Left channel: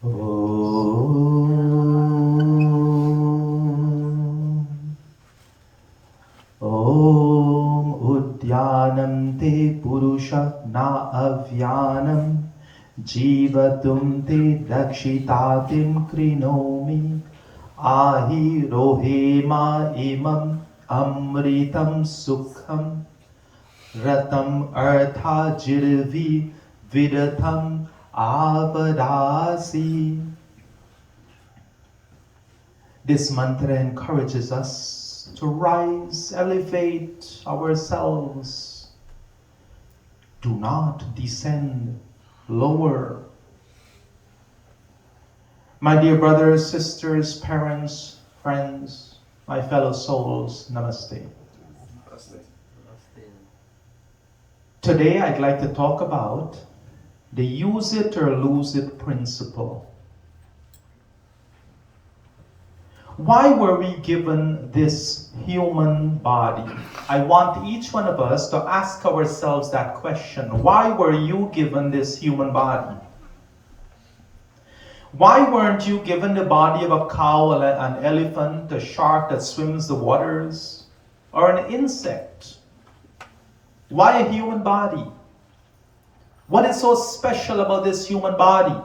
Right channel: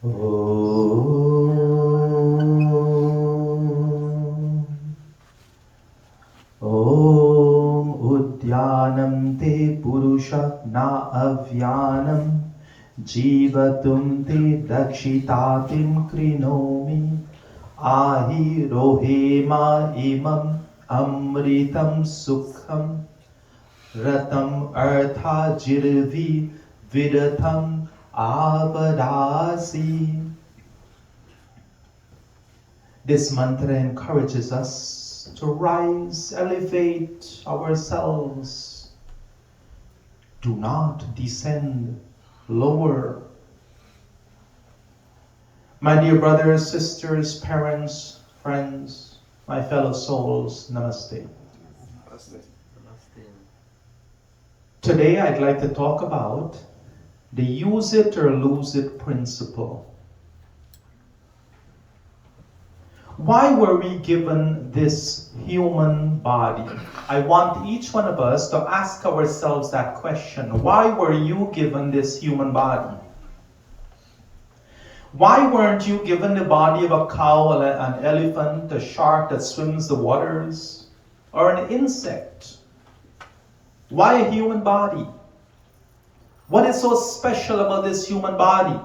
Om Om Udyanam Te Purusha Na Avyanam Jivatum Te Dakshitatim Krinomi Ahi Rohema Imam Amritam Sukham Ratam Artha Jirvi Vidatam Avadasi. This mantra encourages us to rise, elevate ourselves. Do not descend lower. My dear brothers, sisters, parents, friends, my fellow souls, namaste. Today I'd like to talk about the use it or lose it principle. Why were we given this human body? I want each one of us to ask ourselves that question. Why were you given this human body? Why weren't you given the body of a cow, an elephant, a shark that swims the waters, or an insect? Why a human body? What is so special about this human body?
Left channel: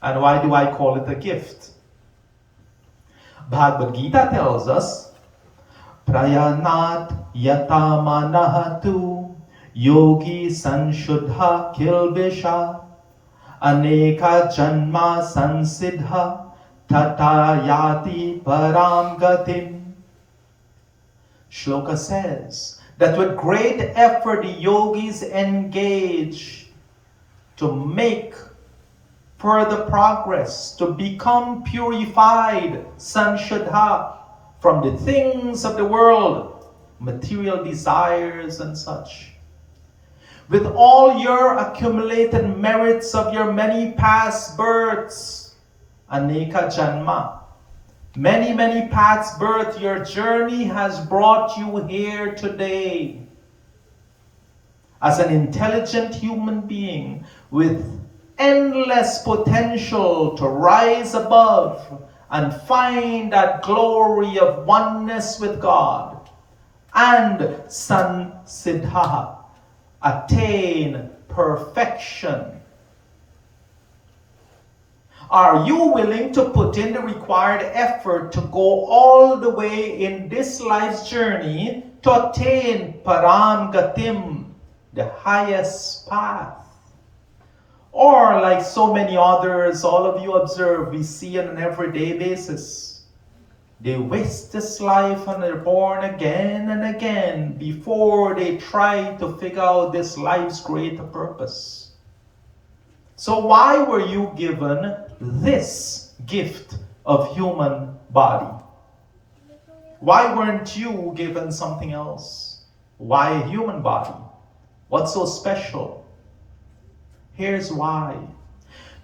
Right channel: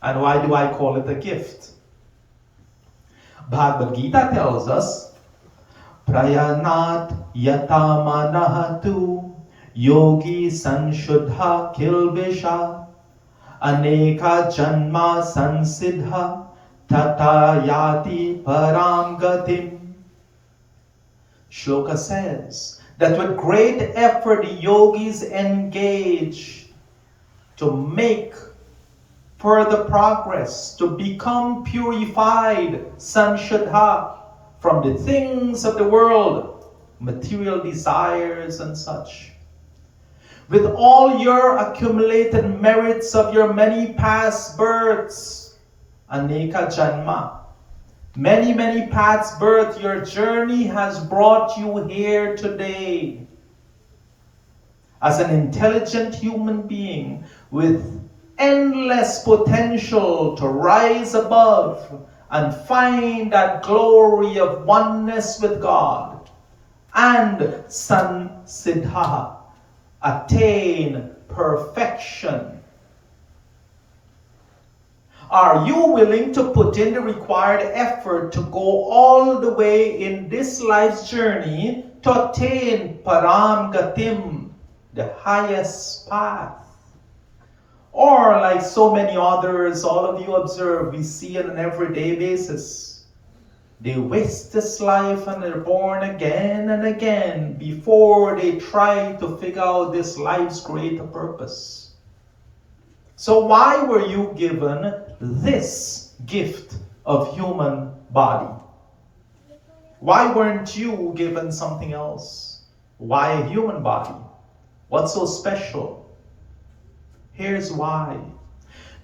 And why do I call it a gift? Bhagavad Gita tells us, Prayanat yatamanahatu yogi sanshuddha kilvisha aneka janma sansiddha tatayati param gatim. Shloka says that with great effort the yogis engage to make further progress, to become purified, sanshuddha, from the things of the world, material desires and such. With all your accumulated merits of your many past births, aneka janma, many past births, your journey has brought you here today as an intelligent human being with endless potential to rise above and find that glory of oneness with God and sansiddha, attain perfection. Are you willing to put in the required effort to go all the way in this life's journey to attain param gatim, the highest path? Or like so many others, all of you observe, we see on an everyday basis. They waste this life and they're born again and again before they try to figure out this life's greater purpose. So why were you given this gift of human body? Why weren't you given something else? Why a human body? What's so special? Here's why.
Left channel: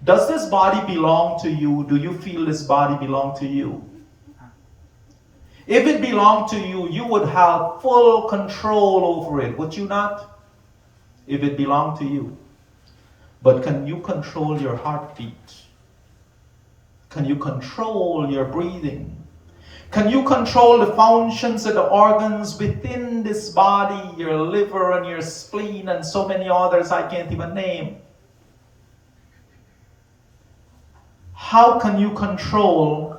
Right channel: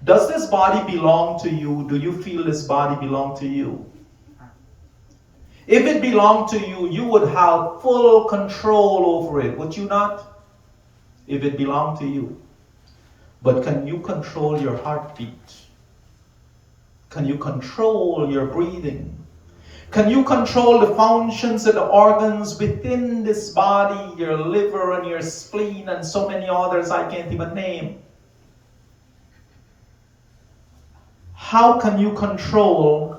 Does this body belong to you? Do you feel this body belong to you? If it belonged to you, you would have full control over it, would you not? If it belonged to you. But can you control your heartbeat? Can you control your breathing? Can you control the functions of the organs within this body, your liver and your spleen and so many others I can't even name? How can you control?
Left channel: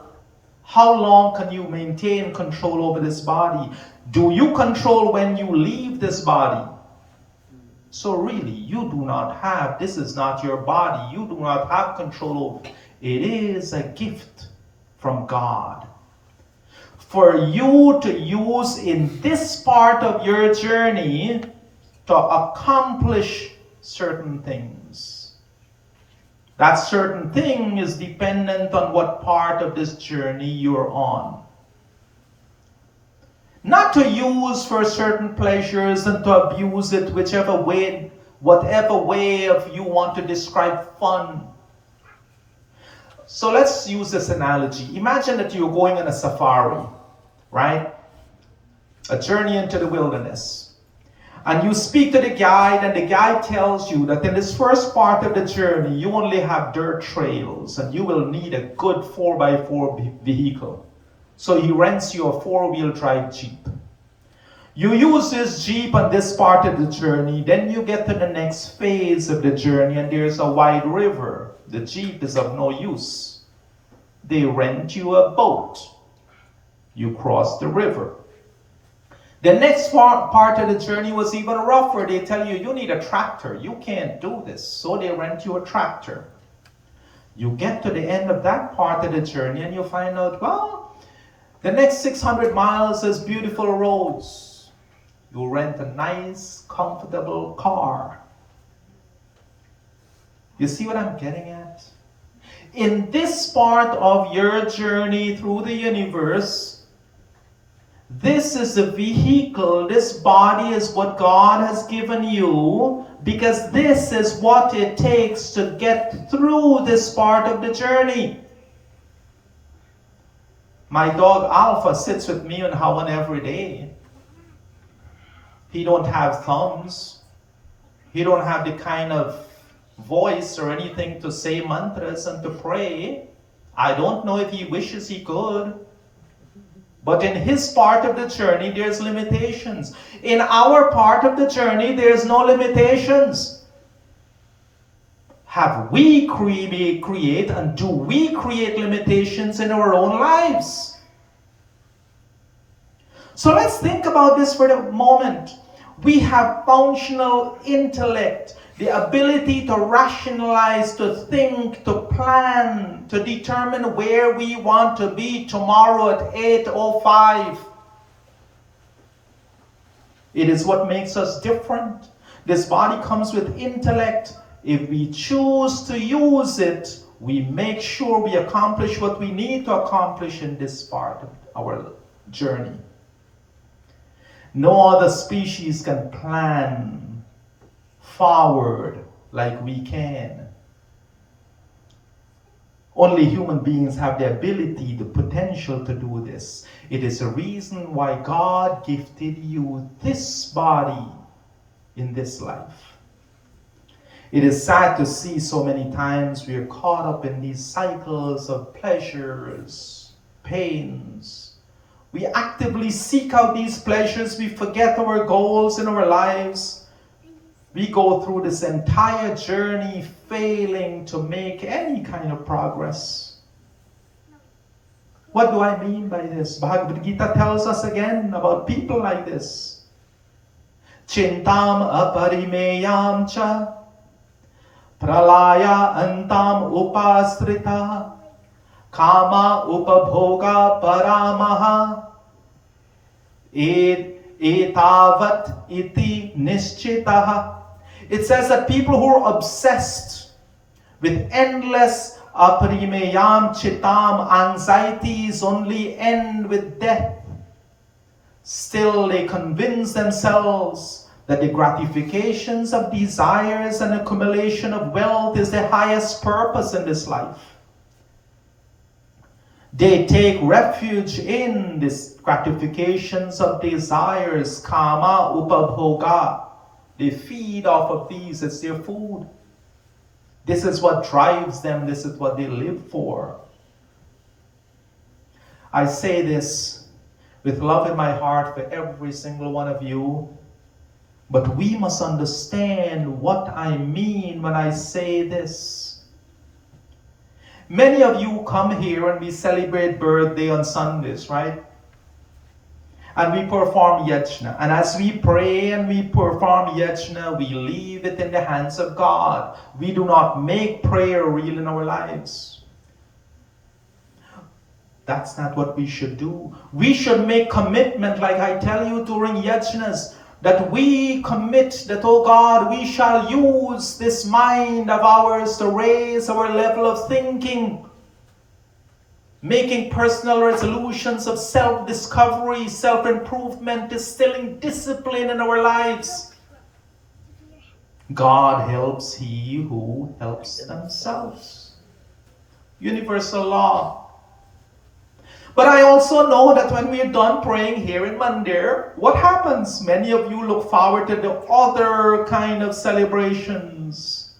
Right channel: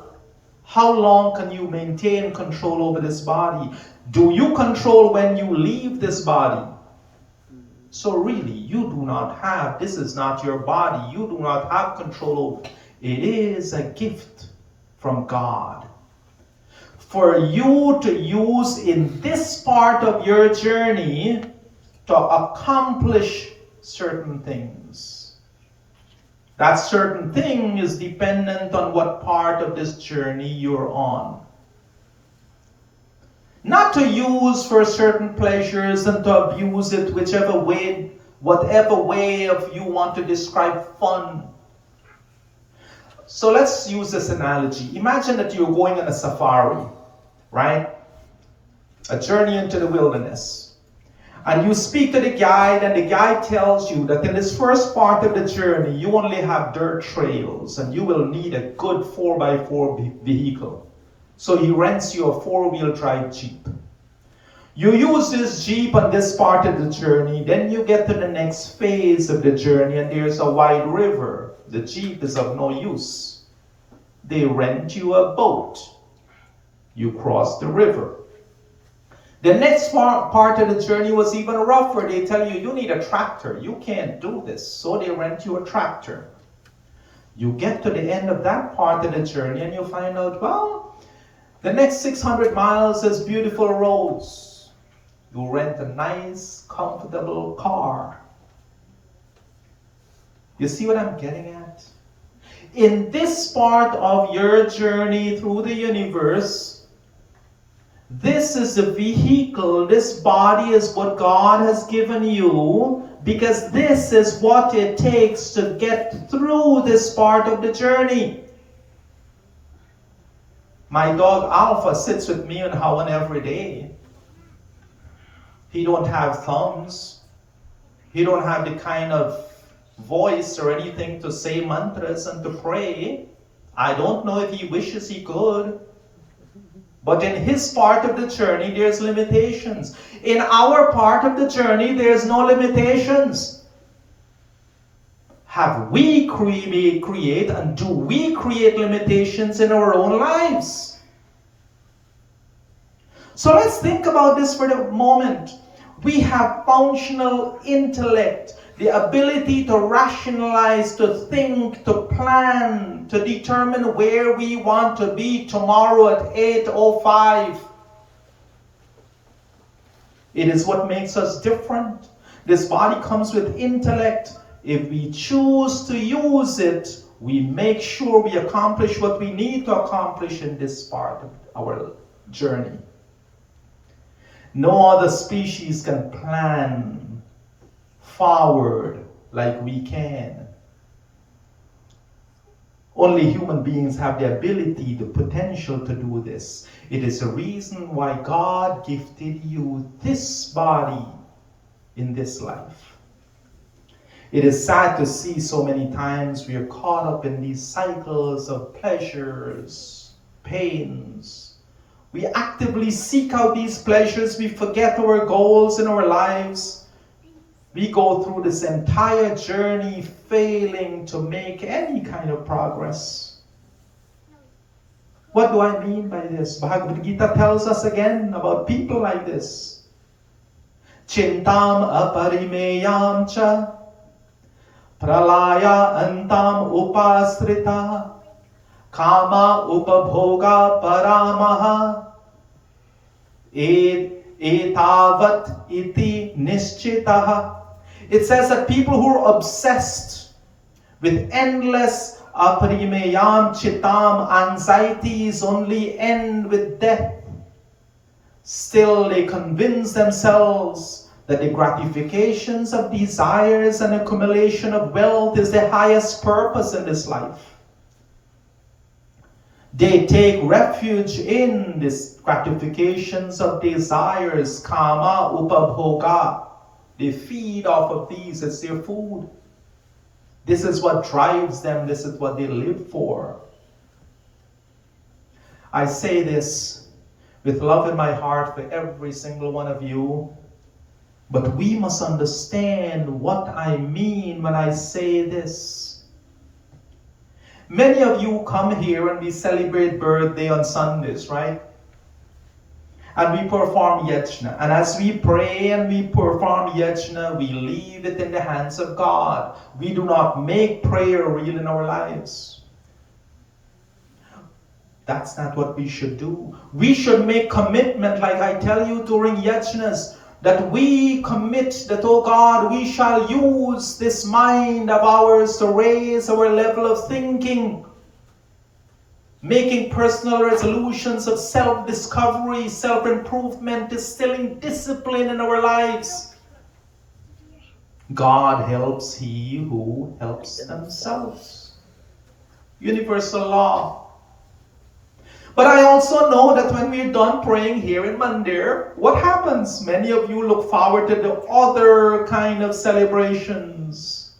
How long can you maintain control over this body? Do you control when you leave this body? So really, you do not have, this is not your body. You do not have control over it. It is a gift from God for you to use in this part of your journey to accomplish certain things. That certain thing is dependent on what part of this journey you're on. Not to use for certain pleasures and to abuse it whichever way, whatever way of you want to describe fun. So let's use this analogy. Imagine that you're going on a safari, right? A journey into the wilderness. And you speak to the guide, and the guide tells you that in this first part of the journey, you only have dirt trails, and you will need a good 4x4 vehicle. So he rents you a 4-wheel drive Jeep. You use this Jeep on this part of the journey, then you get to the next phase of the journey, and there's a wide river. The Jeep is of no use. They rent you a boat. You cross the river. The next part of the journey was even rougher. They tell you, you need a tractor. You can't do this. So they rent you a tractor. You get to the end of that part of the journey and you find out, well, the next 600 miles is beautiful roads. You rent a nice, comfortable car. You see what I'm getting at? In this part of your journey through the universe, this is the vehicle, this body is what God has given you, because this is what it takes to get through this part of the journey. My dog Alpha sits with me on Hawan every day. He don't have thumbs. He don't have the kind of voice or anything to say mantras and to pray. I don't know if he wishes he could. But in his part of the journey, there's limitations. In our part of the journey, there's no limitations. Have we create and do we create limitations in our own lives? So let's think about this for a moment. We have functional intellect, the ability to rationalize, to think, to plan, to determine where we want to be tomorrow at 8:05. It is what makes us different. This body comes with intellect. If we choose to use it, we make sure we accomplish what we need to accomplish in this part of our journey. No other species can plan forward like we can. Only human beings have the ability, the potential to do this. It is a reason why God gifted you this body in this life. It is sad to see so many times we are caught up in these cycles of pleasures, pains. We actively seek out these pleasures. We forget our goals in our lives. We go through this entire journey failing to make any kind of progress. What do I mean by this? Bhagavad Gita tells us again about people like this. Chintam aparimeyam cha pralaya antam upasrita kama upabhoga paramaha etavat iti nischitaha. It says that people who are obsessed with endless aparimeyam chitam, anxieties only end with death. Still they convince themselves that the gratifications of desires and accumulation of wealth is the highest purpose in this life. They take refuge in these gratifications of desires, kama upabhoga. They feed off of these as their food. This is what drives them. This is what they live for. I say this with love in my heart for every single one of you. But we must understand what I mean when I say this. Many of you come here and we celebrate birthday on Sundays, right? And we perform yajna. And as we pray and we perform yajna, we leave it in the hands of God. We do not make prayer real in our lives. That's not what we should do. We should make commitment, like I tell you during yajnas, that we commit that, oh God, we shall use this mind of ours to raise our level of thinking, making personal resolutions of self-discovery, self-improvement, instilling discipline in our lives. God helps he who helps themselves. Universal law. But I also know that when we're done praying here in Mandir, what happens? Many of you look forward to the other kind of celebrations.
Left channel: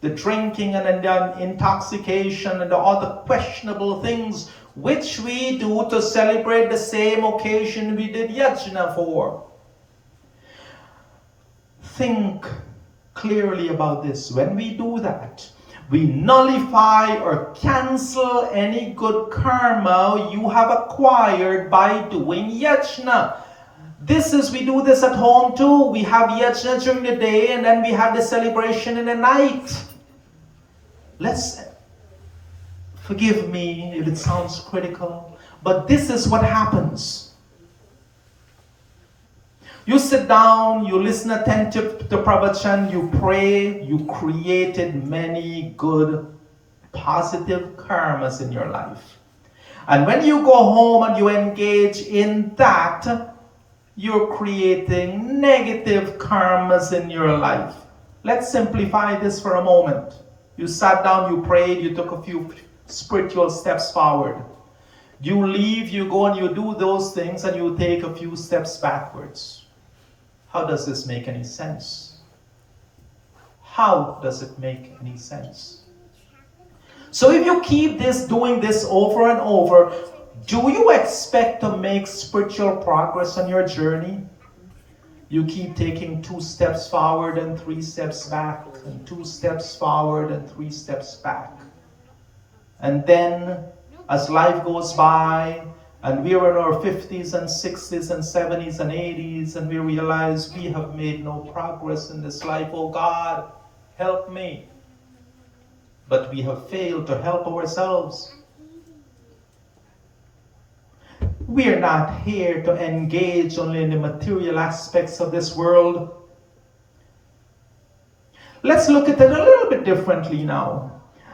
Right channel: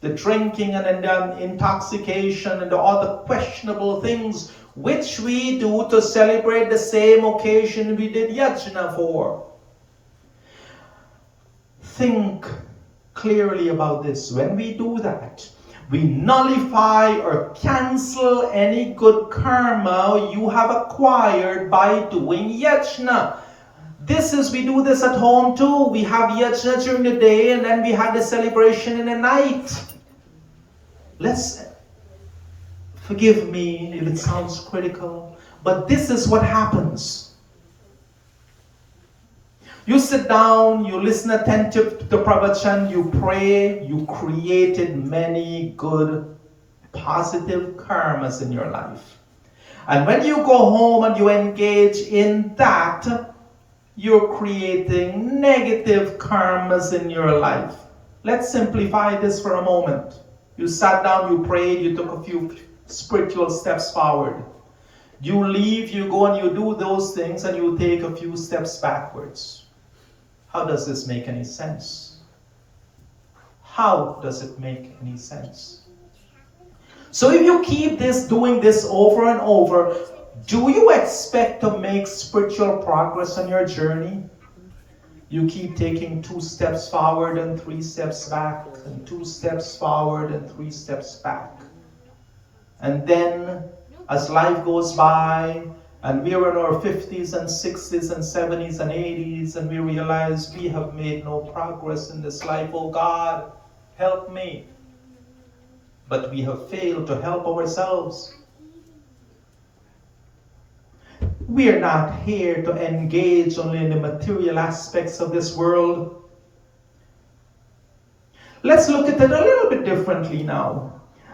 The drinking and the intoxication and the other questionable things which we do to celebrate the same occasion we did yajna for. Think clearly about this. When we do that, we nullify or cancel any good karma you have acquired by doing yajna. We do this at home too. We have yajna during the day and then we have the celebration in the night. Forgive me if it sounds critical, but this is what happens. You sit down, you listen attentive to Pravachan, you pray, you created many good, positive karmas in your life. And when you go home and you engage in that, you're creating negative karmas in your life. Let's simplify this for a moment. You sat down, you prayed, you took a few spiritual steps forward. You leave, you go and you do those things and you take a few steps backwards. How does this make any sense? How does it make any sense? So if you keep doing this over and over, do you expect to make spiritual progress on your journey? You keep taking 2 steps forward and 3 steps back, and 2 steps forward and 3 steps back. And then, as life goes by, and we're in our 50s and 60s and 70s and 80s, and we realize we have made no progress in this life. Oh God, help me. But we have failed to help ourselves. We are not here to engage only in the material aspects of this world. Let's look at it a little bit differently now.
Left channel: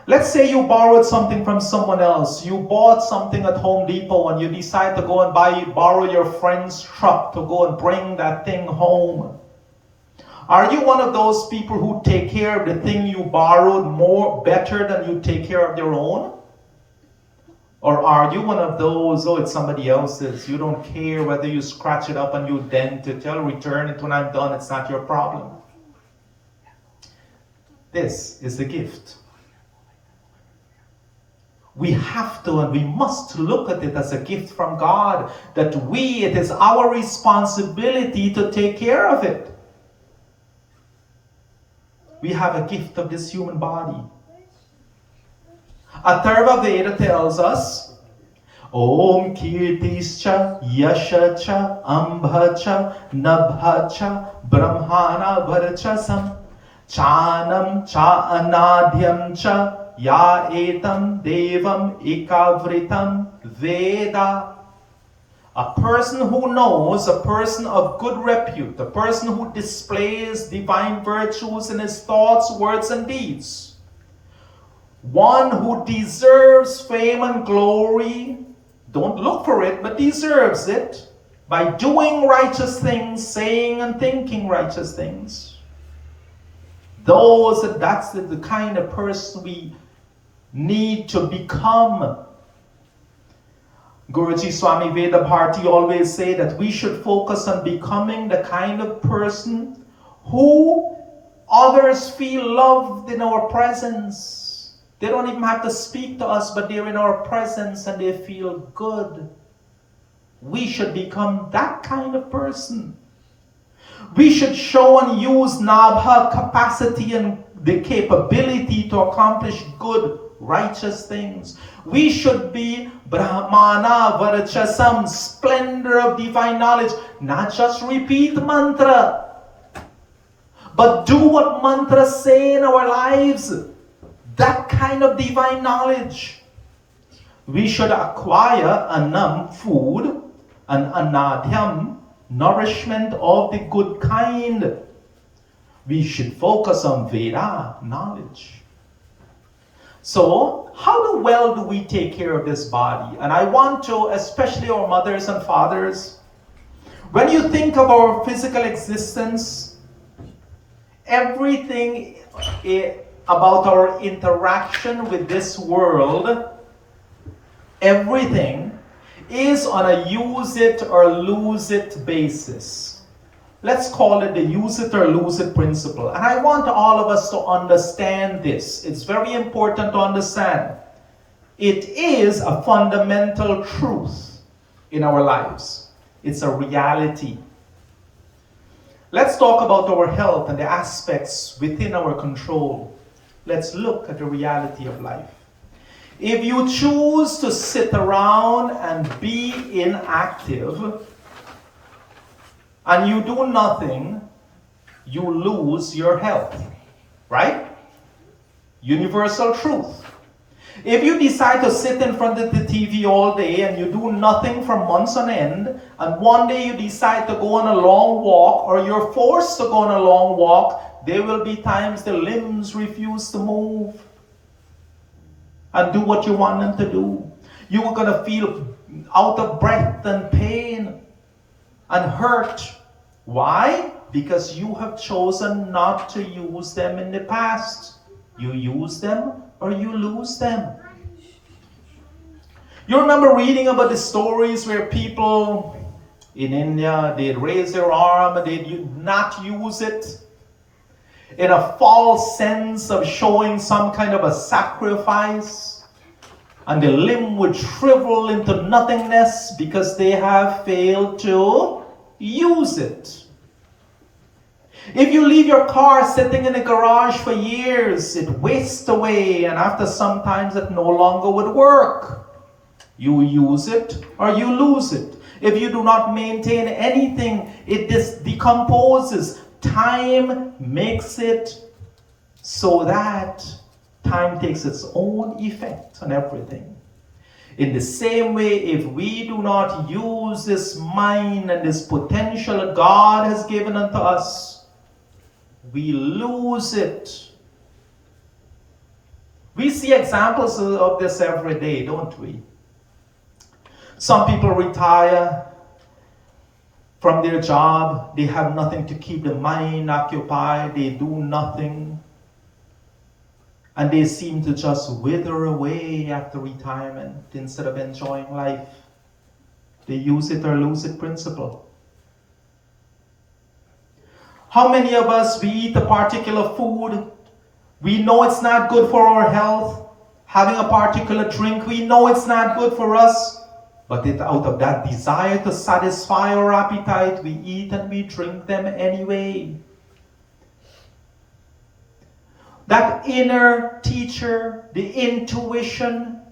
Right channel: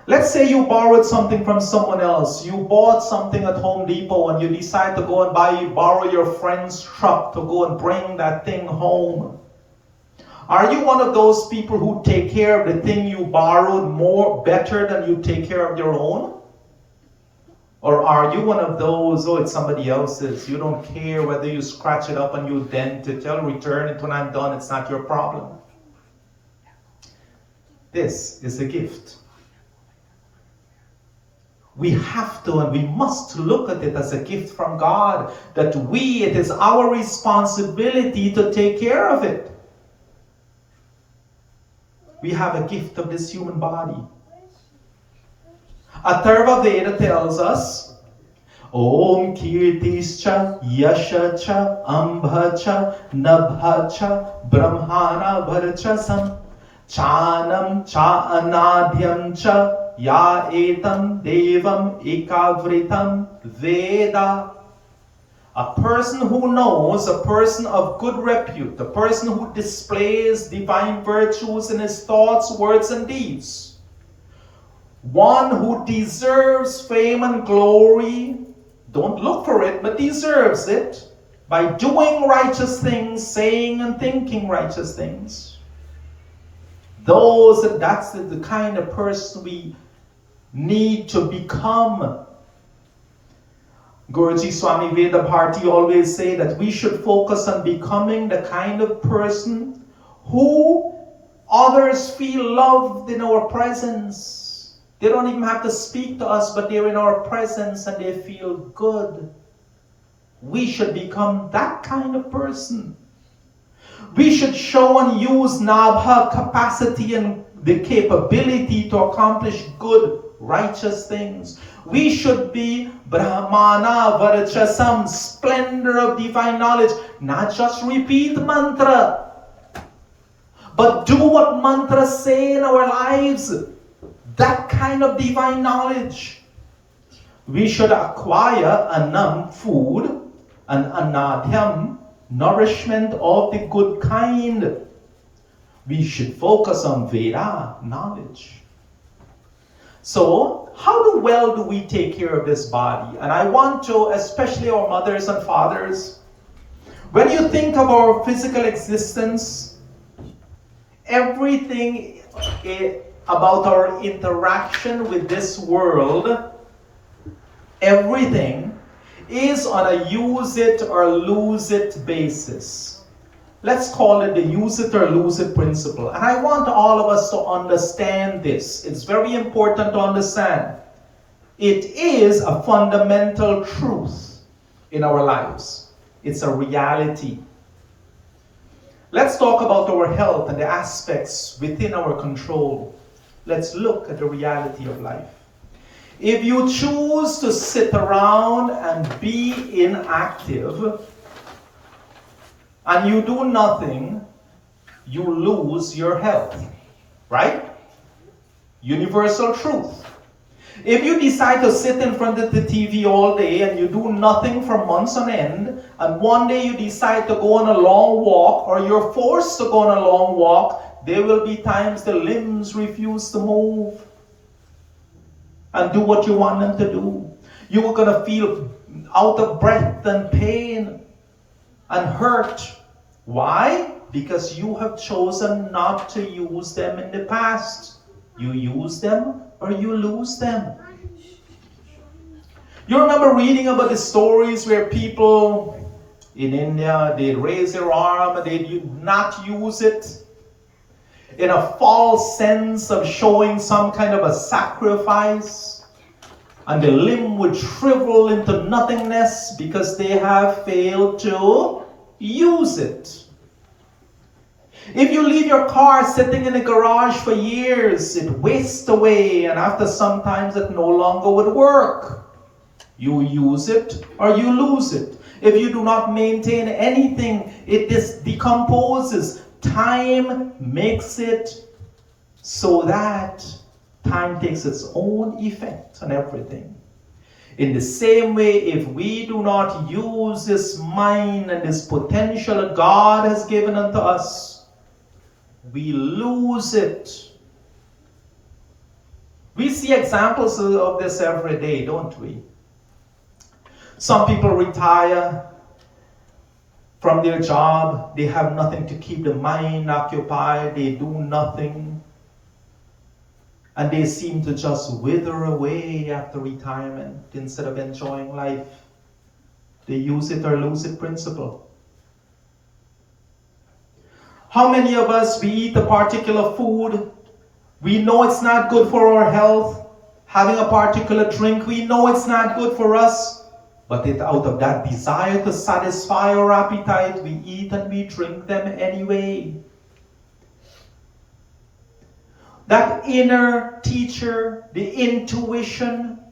Let's say you borrowed something from someone else. You bought something at Home Depot and you decide to go and borrow your friend's truck to go and bring that thing home. Are you one of those people who take care of the thing you borrowed better than you take care of your own? Or are you one of those, it's somebody else's, you don't care whether you scratch it up and you dent it, I'll return it when I'm done, it's not your problem. This is a gift. We have to and we must look at it as a gift from God, that it is our responsibility to take care of it. We have a gift of this human body. Atharva Veda tells us, Om Kirtischa Yashacha Ambhacha Nabhacha Brahmana Varachasam Chanam Cha Anadhyam Cha Ya Etam Devam Ikavritam Veda. A person who knows, a person of good repute, a person who displays divine virtues in his thoughts, words, and deeds. One who deserves fame and glory, don't look for it, but deserves it, by doing righteous things, saying and thinking righteous things. That's the kind of person we need to become. Guruji Swami Veda Bharti always say that we should focus on becoming the kind of person who others feel loved in our presence. They don't even have to speak to us, but they're in our presence and they feel good. We should become that kind of person. We should show and use Nabha capacity and the capability to accomplish good, righteous things. We should be Brahmana Varachasam, splendor of divine knowledge. Not just repeat mantra, but do what mantras say in our lives. That kind of divine knowledge. We should acquire anam, food, and anadhyam, nourishment of the good kind. We should focus on Veda, knowledge. So, how well do we take care of this body? And I want to, especially our mothers and fathers, when you think of our physical existence, everything about our interaction with this world, everything is on a use it or lose it basis. Let's call it the use it or lose it principle. And I want all of us to understand this. It's very important to understand. It is a fundamental truth in our lives. It's a reality. Let's talk about our health and the aspects within our control. Let's look at the reality of life. If you choose to sit around and be inactive, and you do nothing, you lose your health, right? Universal truth. If you decide to sit in front of the TV all day and you do nothing for months on end, and one day you decide to go on a long walk, or you're forced to go on a long walk, there will be times the limbs refuse to move and do what you want them to do. You are going to feel out of breath and pain and hurt. Why? Because you have chosen not to use them in the past. You use them or you lose them. You remember reading about the stories where people in India, they'd raise their arm and they'd not use it in a false sense of showing some kind of a sacrifice, and the limb would shrivel into nothingness because they have failed to use it. If you leave your car sitting in a garage for years, it wastes away, and after some time it no longer would work. You use it or you lose it. If you do not maintain anything, it decomposes. Time makes it so that time takes its own effect on everything. In the same way, if we do not use this mind and this potential that God has given unto us, we lose it. We see examples of this every day, don't we? Some people retire from their job. They have nothing to keep the mind occupied. They do nothing. And they seem to just wither away after retirement instead of enjoying life. They use it or lose it principle. How many of us, we eat a particular food, we know it's not good for our health, having a particular drink, we know it's not good for us, but out of that desire to satisfy our appetite, we eat and we drink them anyway. That inner teacher, the intuition,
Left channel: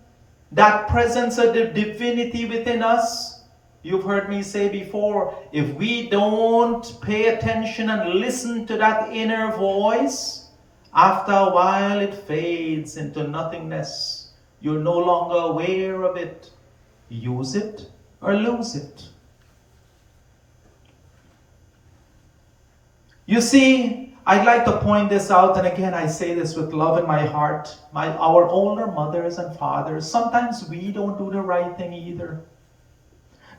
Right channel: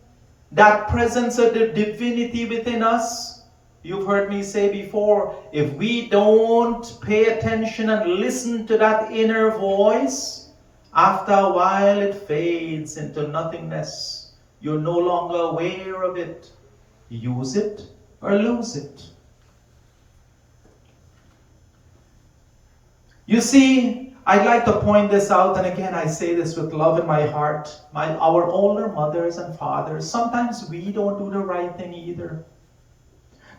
that presence of the divinity within us, you've heard me say before, if we don't pay attention and listen to that inner voice, after a while it fades into nothingness. You're no longer aware of it. Use it or lose it. You see, I'd like to point this out, and again I say this with love in my heart. Our older mothers and fathers, sometimes we don't do the right thing either.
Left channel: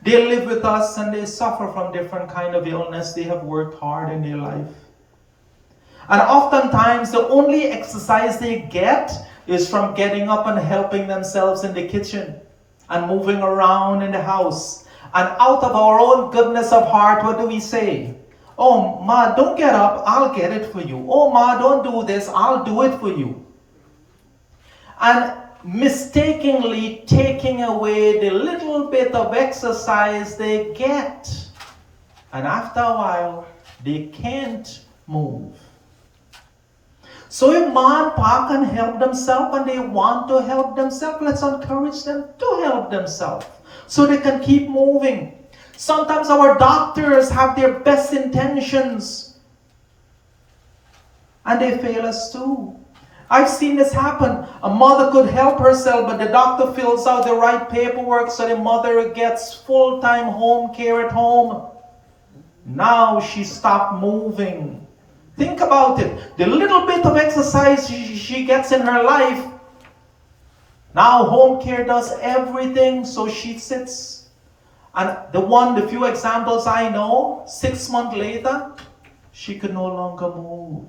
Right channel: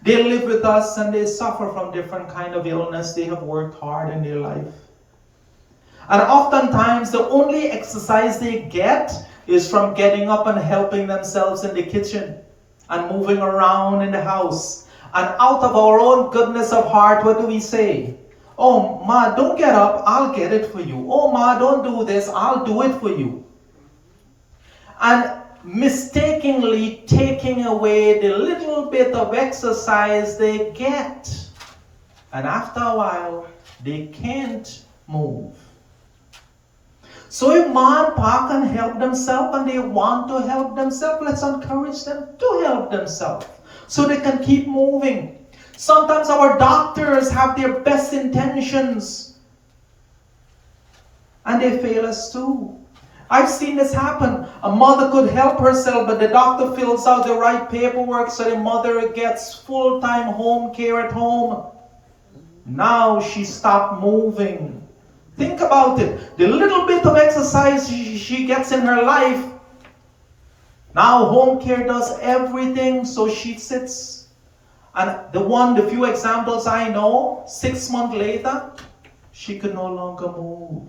They live with us and they suffer from different kind of illness. They have worked hard in their life. And oftentimes the only exercise they get is from getting up and helping themselves in the kitchen and moving around in the house. And out of our own goodness of heart, what do we say? Oh, Ma, don't get up, I'll get it for you. Oh, Ma, don't do this, I'll do it for you. And mistakenly taking away the little bit of exercise they get. And after a while, they can't move. So if Ma and Pa can help themselves and they want to help themselves, let's encourage them to help themselves so they can keep moving. Sometimes our doctors have their best intentions and they fail us too. I've seen this happen. A mother could help herself, but the doctor fills out the right paperwork so the mother gets full-time home care at home. Now she stopped moving. Think about it. The little bit of exercise she gets in her life, now home care does everything, so she sits. And the few examples I know, 6 months later, she could no longer move.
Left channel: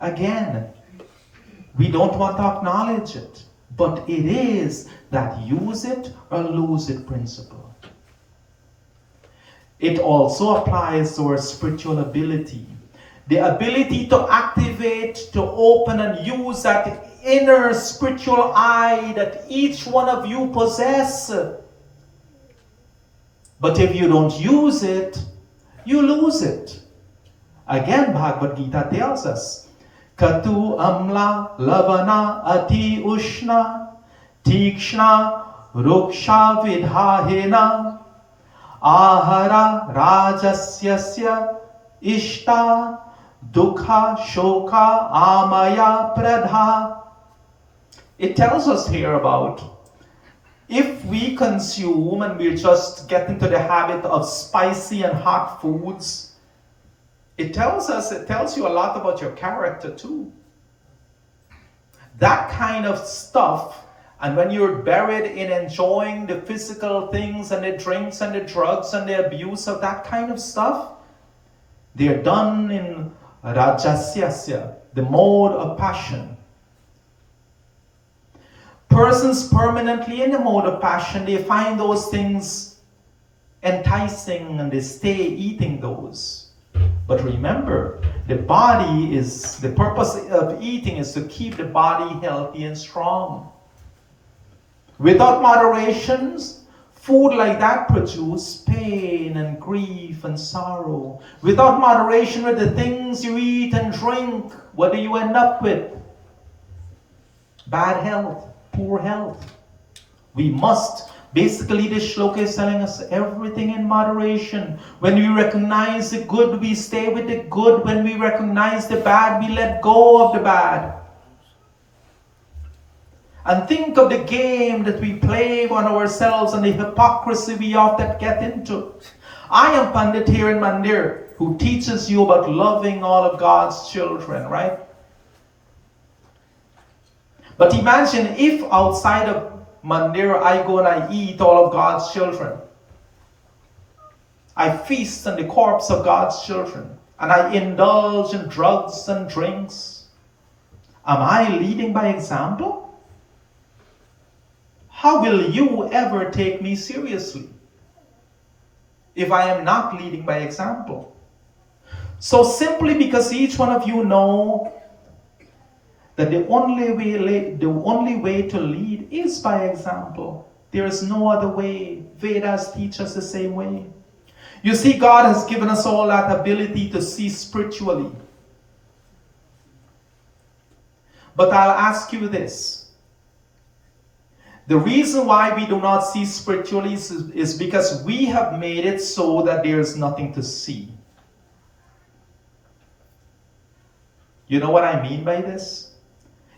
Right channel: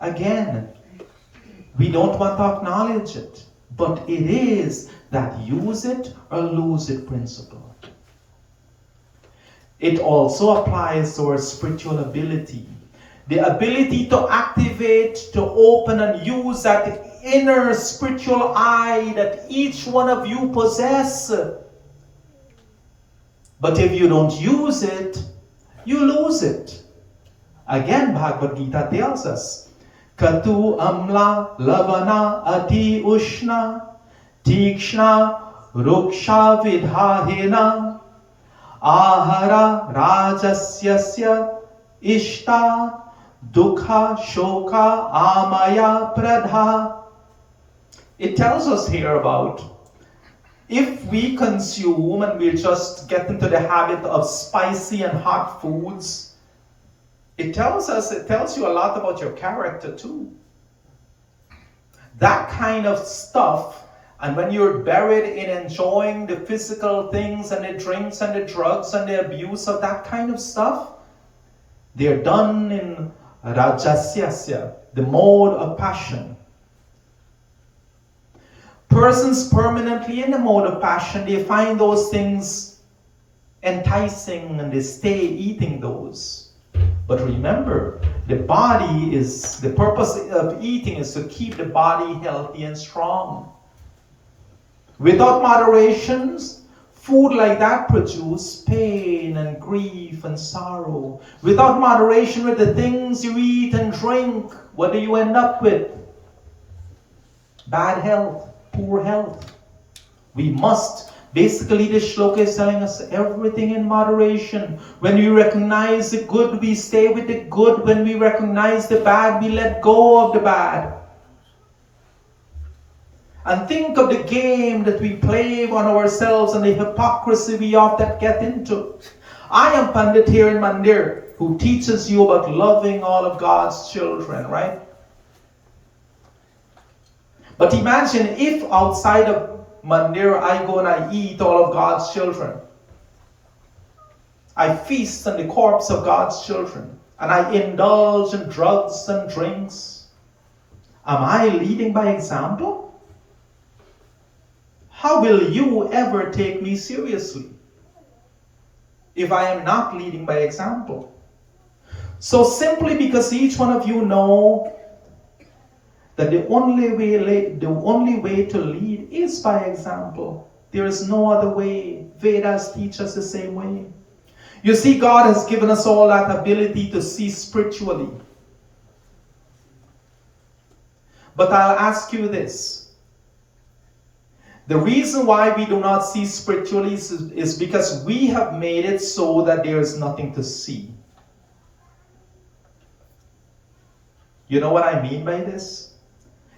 Again, we don't want to acknowledge it. but it is that use it or lose it principle. It also applies to our spiritual ability. The ability to activate, to open and use that inner spiritual eye that each one of you possess. But if you don't use it, you lose it. Again, Bhagavad Gita tells us, Katu amla lavana ati ushna tikshna ruksha vidhahena ahara rajasyasya ishta dukha shoka amaya pradha. It tells us here about if we consume and we just get into the habit of spicy and hot foods, it tells you a lot about your character too. That kind of stuff, and when you're buried in enjoying the physical things and the drinks and the drugs and the abuse of that kind of stuff, they're done in rajasyasya, the mode of passion. Persons permanently in the mode of passion, they find those things enticing and they stay eating those. But remember, the purpose of eating is to keep the body healthy and strong. Without moderations, food like that produces pain and grief and sorrow. Without moderation with the things you eat and drink, what do you end up with? Bad health, poor health. We must. Basically, this shloka is telling us everything in moderation. When we recognize the good, we stay with the good. When we recognize the bad, we let go of the bad. And think of the game that we play on ourselves and the hypocrisy we often get into. I am Pandit here in Mandir, who teaches you about loving all of God's children, right? But imagine if outside of Mandir, I go and I eat all of God's children. I feast on the corpse of God's children. And I indulge in drugs and drinks. Am I leading by example? How will you ever take me seriously if I am not leading by example? So simply because each one of you know that the only way to lead is by example. There is no other way. Vedas teach us the same way. You see, God has given us all that ability to see spiritually. But I'll ask you this. The reason why we do not see spiritually is because we have made it so that there is nothing to see. You know what I mean by this?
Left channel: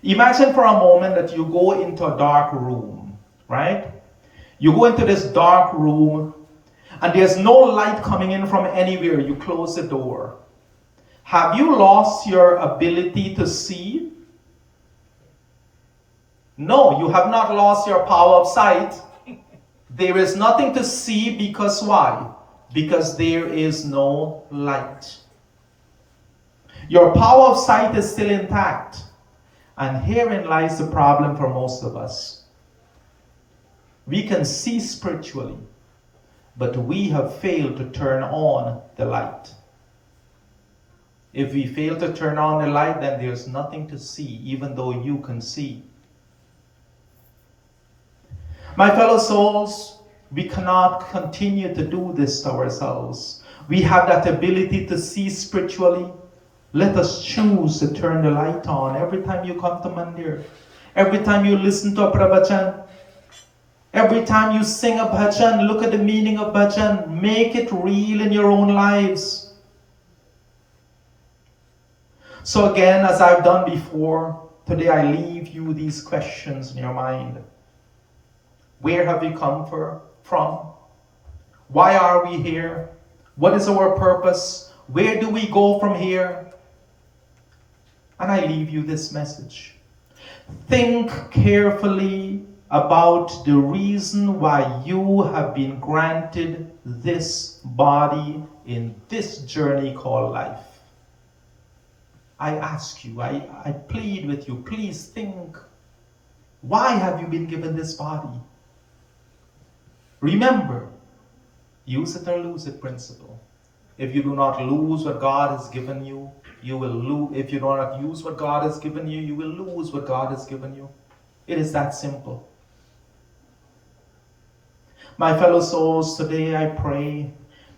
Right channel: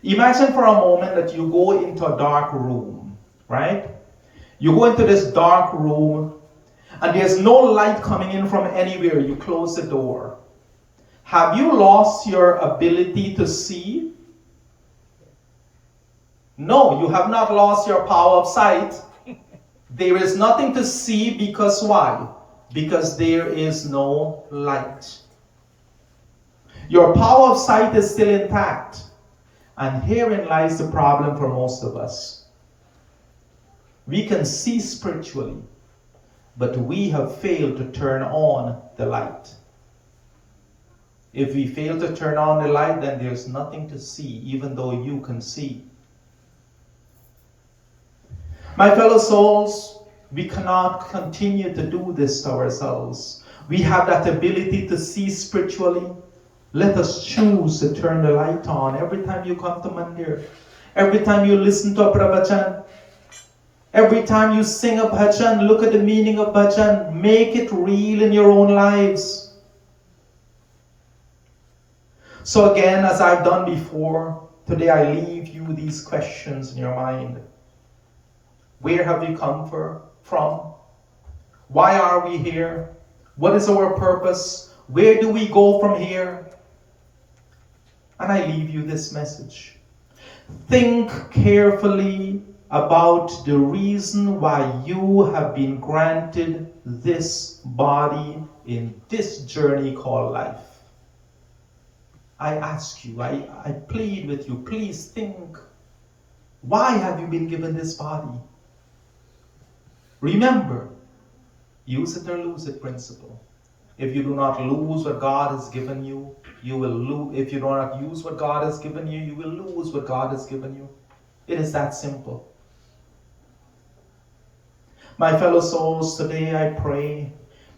Imagine for a moment that you go into a dark room, right? You go into this dark room and there's no light coming in from anywhere. You close the door. Have you lost your ability to see? No, you have not lost your power of sight. There is nothing to see because why? Because there is no light. Your power of sight is still intact. And herein lies the problem for most of us. We can see spiritually, but we have failed to turn on the light. If we fail to turn on the light, then there's nothing to see, even though you can see. My fellow souls, we cannot continue to do this to ourselves. We have that ability to see spiritually. Let us choose to turn the light on every time you come to Mandir. Every time you listen to a Pravachan. Every time you sing a bhajan, look at the meaning of bhajan. Make it real in your own lives. So again, as I've done before, today I leave you these questions in your mind. Where have we come from? Why are we here? What is our purpose? Where do we go from here? And I leave you this message. Think carefully about the reason why you have been granted this body in this journey called life. I ask you, I plead with you, please think. Why have you been given this body? Remember, use it or lose it principle. If you do not lose what God has given you, you will lose. If you do not use what God has given you, you will lose what God has given you. It is that simple. My fellow souls, today I pray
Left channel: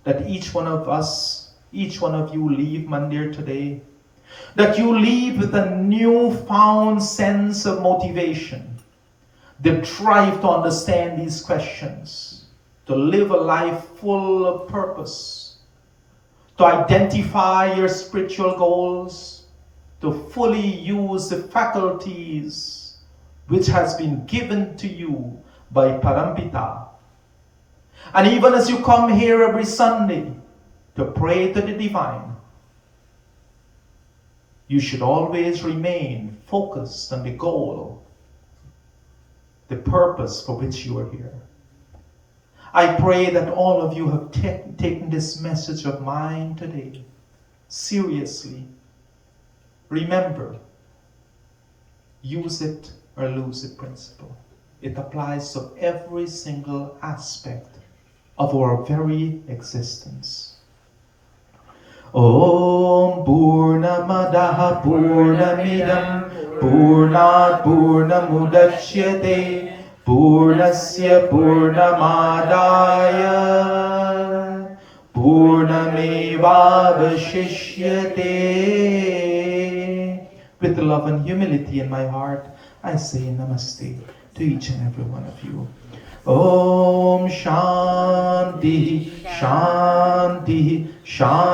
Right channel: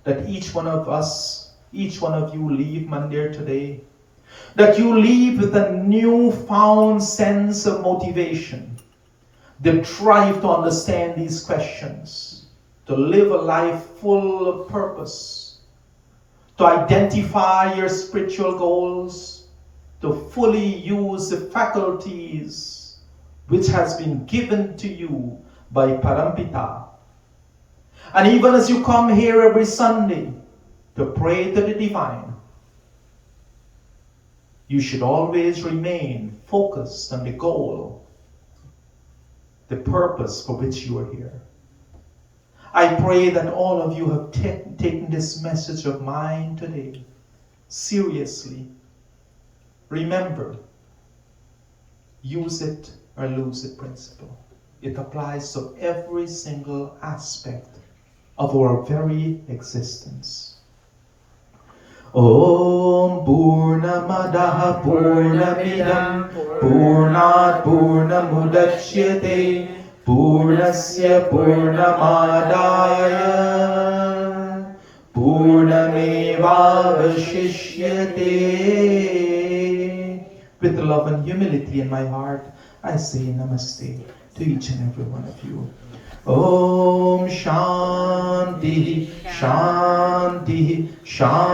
that each one of us, each one of you leave Mandir today, that you leave with a newfound sense of motivation, the drive to understand these questions, to live a life full of purpose, to identify your spiritual goals, to fully use the faculties which has been given to you by Parampita. And even as you come here every Sunday to pray to the divine, you should always remain focused on the goal, the purpose for which you are here. I pray that all of you have taken this message of mine today seriously. Remember, use it or lose it principle. It applies to every single aspect of our very existence. Om Purnamadaha Purnamidam Purnat Purnamudachyate Purnasya Purnamadaya Purnamevavashishyate. With love and humility in my heart, I say namaste to each and every one of you. Om Shanti Shanti Shanti.